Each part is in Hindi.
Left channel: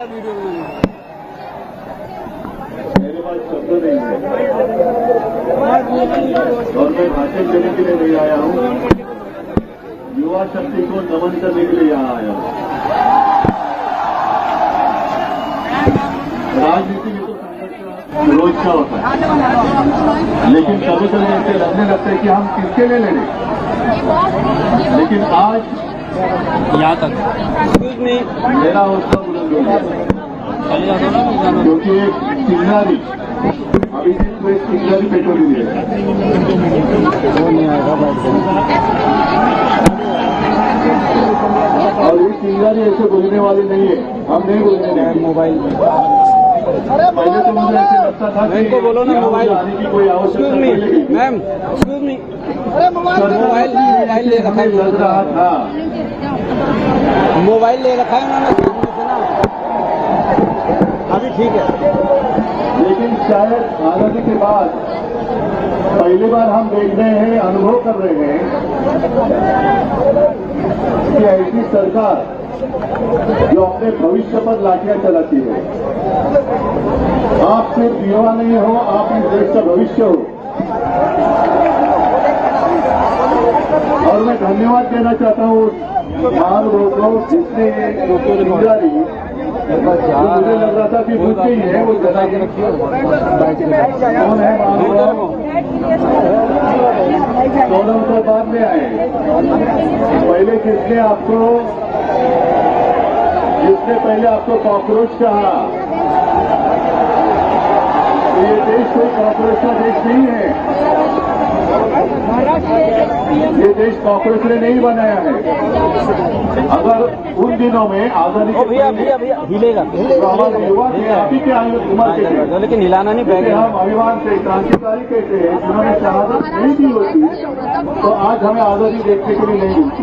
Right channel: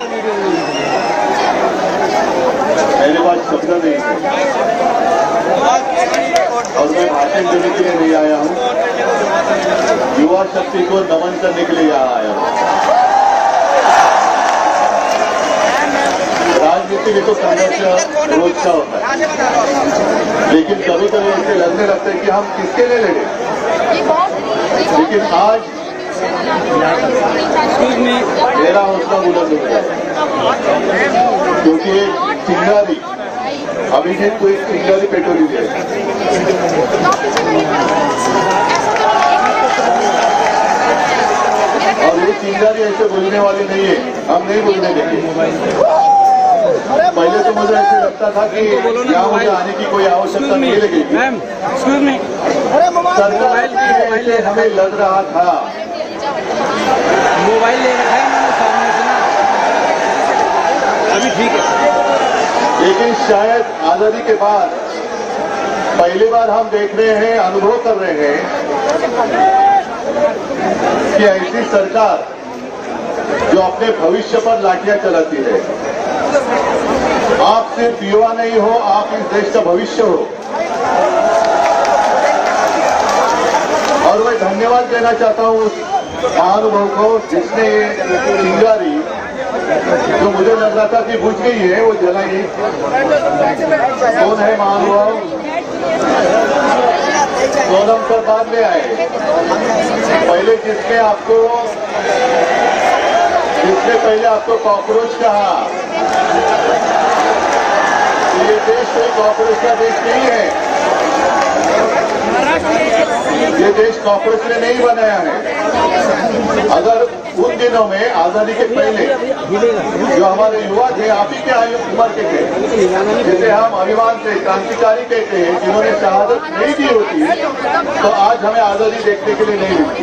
मेरे पास शब्द नहीं है और मैं भाषण देने के लिए नहीं आया हूँ, युवा शक्ति को नमन करने के लिए यहाँ आया हूँ। राजनीति में तो संघर्ष रोजचा होता है, लेकिन कभी कभी ऐसे लगने लगता है कि हम किसके लिए लड़े। लेकिन आज मेरा हौसला बुलंद हो गया, क्योंकि एक चिंगारी अभिषेक को एक चिंगारी पेट्रोल दिया है। और ये चिंगारी ऐसे बोलने वाली नहीं है, हम नहीं बोलने देंगे। पहले तो मुझे ऐसे लगता था कि यहाँ मुझे आने की कोई आवश्यकता नहीं लगेगी। सरकार ऐसे हमें लग रहा था। मोबाइल ले रखा है अभी, ठीक है। लेकिन शायद आजादी के बाद पहली बार हम देख रहे हैं, अनुभव कर रहे हैं कि ऐसी सरकार जो अपने भविष्य पर लाठियां चलाती है। आप सिर्फ युवा नहीं हो, आप इस देश का भविष्य हो। और मैं धन्यवाद देना चाहता हूँ उस महानुभव को जिसने चिंगारी जो मुझे लग रहा था कि बुझ गई है, वो जलाई। कौन है महानुभव? सोनम सर बाद में आए। पहले जिसने पहले आपको कॉकरोच कहा। ये देश कोई कॉकरोच का देश नहीं है, ये देश कॉकरोच ने नहीं बनाया है। अगर उन दिनों में आजादी के पहले जो हमारे युवा थे, आप ही के उम्र के थे, जैसे हम अभिमान से क्रांतिकारी कहते हैं, जिन्होंने शहादत नहीं दी होती तो आज हमें आजादी देखने के लिए नहीं मिलती।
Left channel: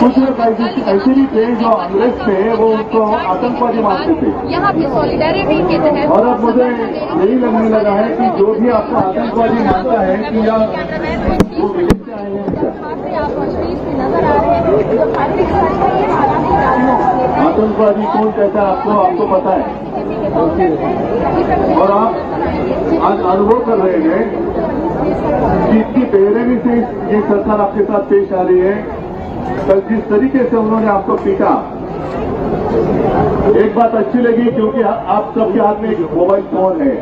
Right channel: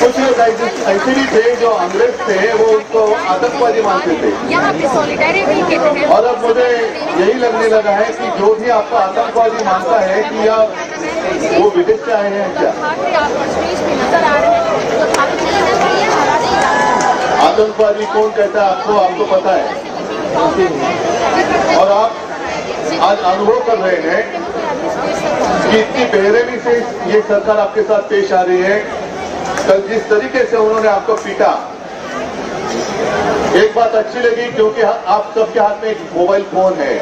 कुछ लोग ऐसे भी थे जो अंग्रेज थे, वो उनको आतंकवादी मानते थे। और अब मुझे यही लगने लगा है कि जो भी आपको आतंकवादी मानता है कि या वो विदेश से आए हैं क्या? आतंकवादी कौन कहता है आपको पता है। और आप आज अनुभव कर रहे हैं कि इतनी बेरहमी से ये सरकार आपके साथ पेश आ रही है। कल जिस तरीके से उन्होंने आपको पीटा, एक बात अच्छी लगी क्योंकि आप सबके हाथ में एक मोबाइल फोन है।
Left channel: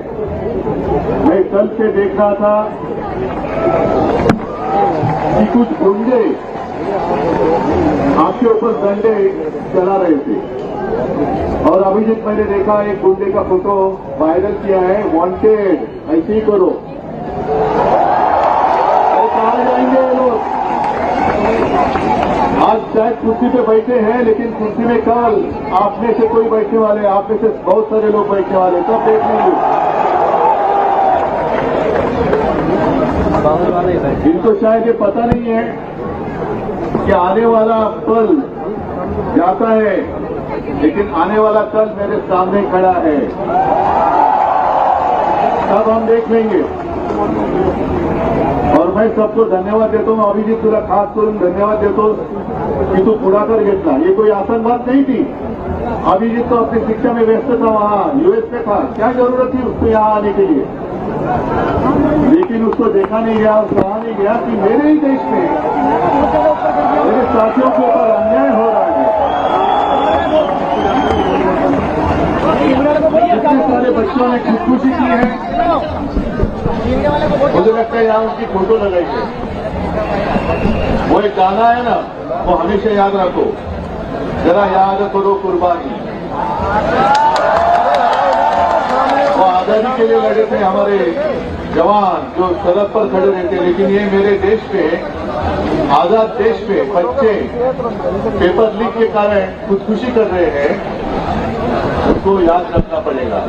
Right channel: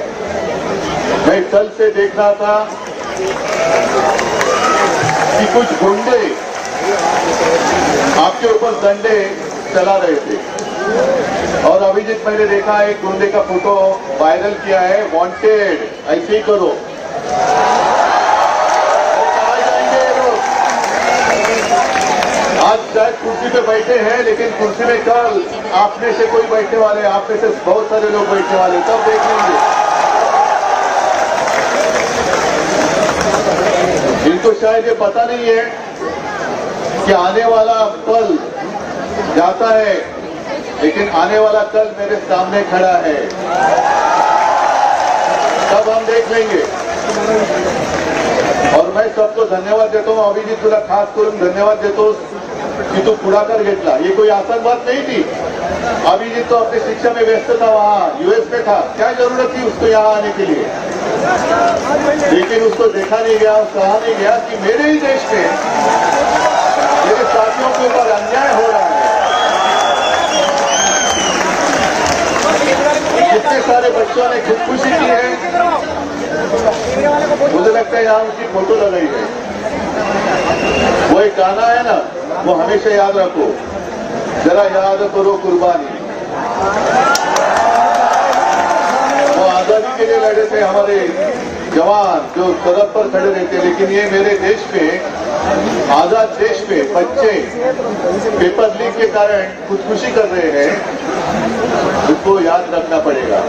मैं कल से देख रहा था कि कुछ गुंडे आपके ऊपर डंडे चला रहे थे। और अभी जब मैंने देखा एक गुंडे का फोटो वायरल किया है, वांटेड, ऐसे ही करो। कहाँ जाएंगे ये लोग? आज शायद कुर्सी पे बैठे हैं, लेकिन कुर्सी में कल आप में से कोई बैठने वाले, आप में से बहुत सारे लोग बैठने वाले, तब देख लेंगे। इनको शायद ये पता नहीं है कि आने वाला कल जाता है, लेकिन आने वाला कल मेरे सामने खड़ा है। तब हम देख लेंगे। और मैं सबको धन्यवाद देता हूँ, अभिजीत तुला खास करून धन्यवाद देतो कि तू पुढाकार घेतला। ये कोई आसान बात नहीं थी। अभिजीत तो अपनी शिक्षा में व्यस्त था, वहाँ यूएस में था, क्या जरूरत थी उसको यहाँ आने के लिए। लेकिन उसको देखा नहीं गया, कहा नहीं गया कि मेरे ही देश में मेरे साथियों के ऊपर अन्याय हो रहा है। जितने सारे बच्चों ने खुदकुशी की है, मुझे लगता है यहाँ उनकी फोटो लगाई गई। वो एक गाना है ना, वो हमेशा याद रखो, जरा याद करो कुर्बानी। वो आजादी के लिए लड़े थे हमारे जवान, जो सरहद पर खड़े रहते। लेकिन ये मेरे देश में, आजाद देश में बच्चे पेपर लीक के कारण खुदकुशी कर रहे हैं, उसको याद रखना पड़ेगा।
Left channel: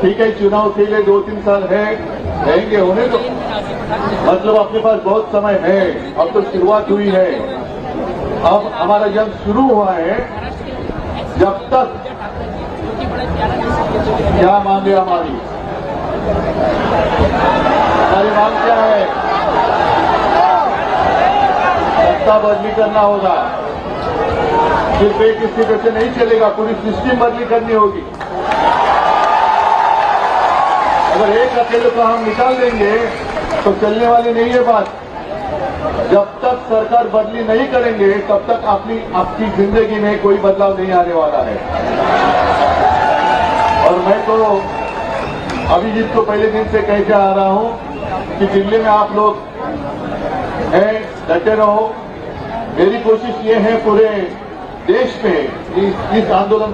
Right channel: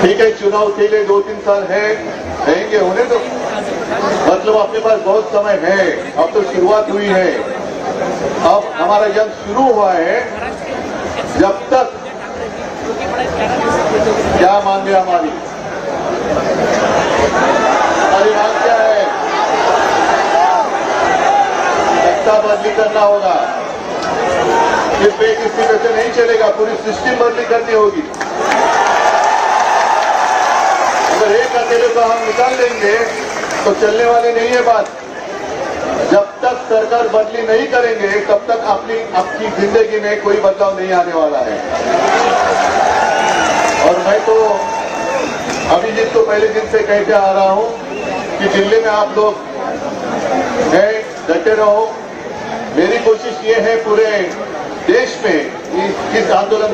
ठीक है, चुनाव के लिए 2-3 साल रहेंगे, होने दो। मतलब अपने पास बहुत समय है, अब तो शुरुआत हुई है। अब हमारा जंग शुरू हुआ है। जब तक क्या मांग लिया हमारी मांग क्या है? सत्ता बदली करना होगा। सिर्फ एक स्पीकर से नहीं चलेगा, पूरी सिस्टम बदली करनी होगी। अगर एक अकेले को हम निकाल देंगे तो चलने वाली नहीं है बात। जब तक सरकार बदली नहीं करेंगे तब तक आपकी जिंदगी में कोई बदलाव नहीं आने वाला है। और मैं तो अभिजीत को पहले दिन से कहते आ रहा हूं कि दिल्ली में आप लोग हैं, डटे रहो। मेरी कोशिश ये है पूरे देश में इस आंदोलन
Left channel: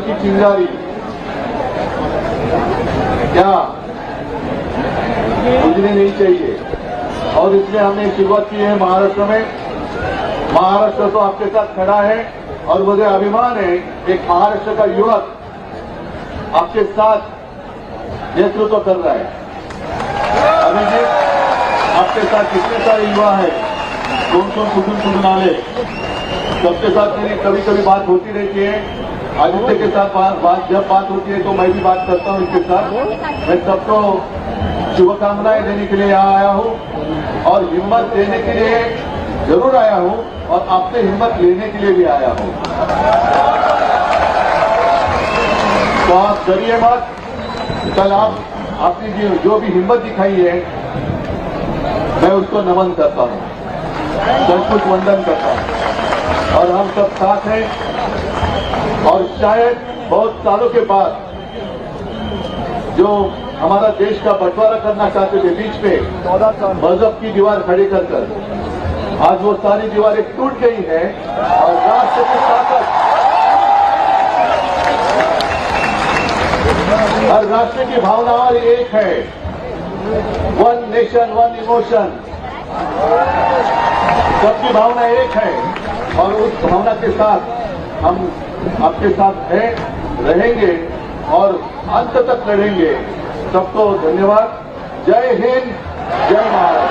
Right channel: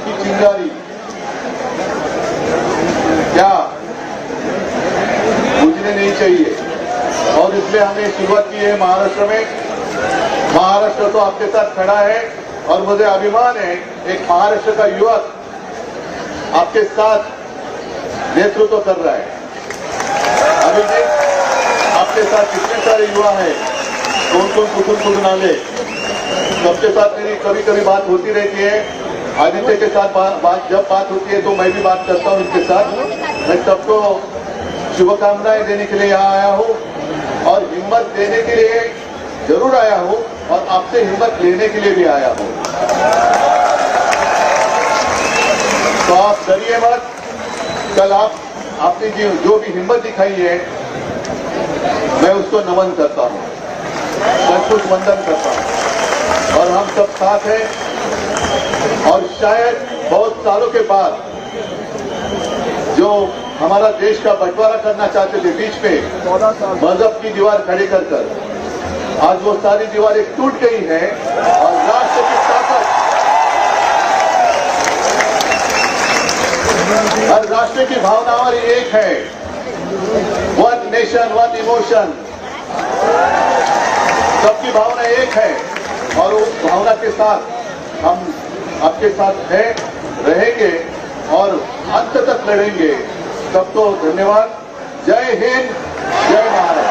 की चिंगारी क्या बुझने नहीं चाहिए। और इसलिए हमने शुरुआत की है महाराष्ट्र में। महाराष्ट्र तो आपके साथ खड़ा है और मुझे अभिमान है एक महाराष्ट्र का युवक आपके साथ नेतृत्व कर रहा है। अभिजीत, आपके साथ कितने सारे युवा हैं, कौन कुटुंब आले, सबके साथ मेरी कभी कभी बात होती रहती है। आदित्य के साथ जब बात होती है तो मैं भी बात करता हूं इसके साथ। मैं सबको शुभकामनाएं देने के लिए यहाँ आया हूं और हिम्मत देने के लिए जरूर आया हूं और आपसे हिम्मत लेने के लिए भी आया हूं। तो आप डरिए मत। कल आपने जो भी हिम्मत दिखाई है मैं उसको नमन करता हूं, संतुष्ट वंदन करता हूं। और हम सब साथ हैं और शायद बहुत सालों के बाद जो हमारा देश का बंटवारा करना चाहते थे बीच में मजहब की दीवार खड़ी कर आज वो सारी दीवारें टूट गई हैं और राष्ट्र की ताकत, हर राष्ट्र की भावना एक है। वन नेशन वन इमोशन, सबकी भावना एक है और उस भावना के साथ हम आपके साथ हैं, रहेंगे और अंत तक लड़ेंगे। सबको धन्यवाद। जय हिंद, जय महाराष्ट्र।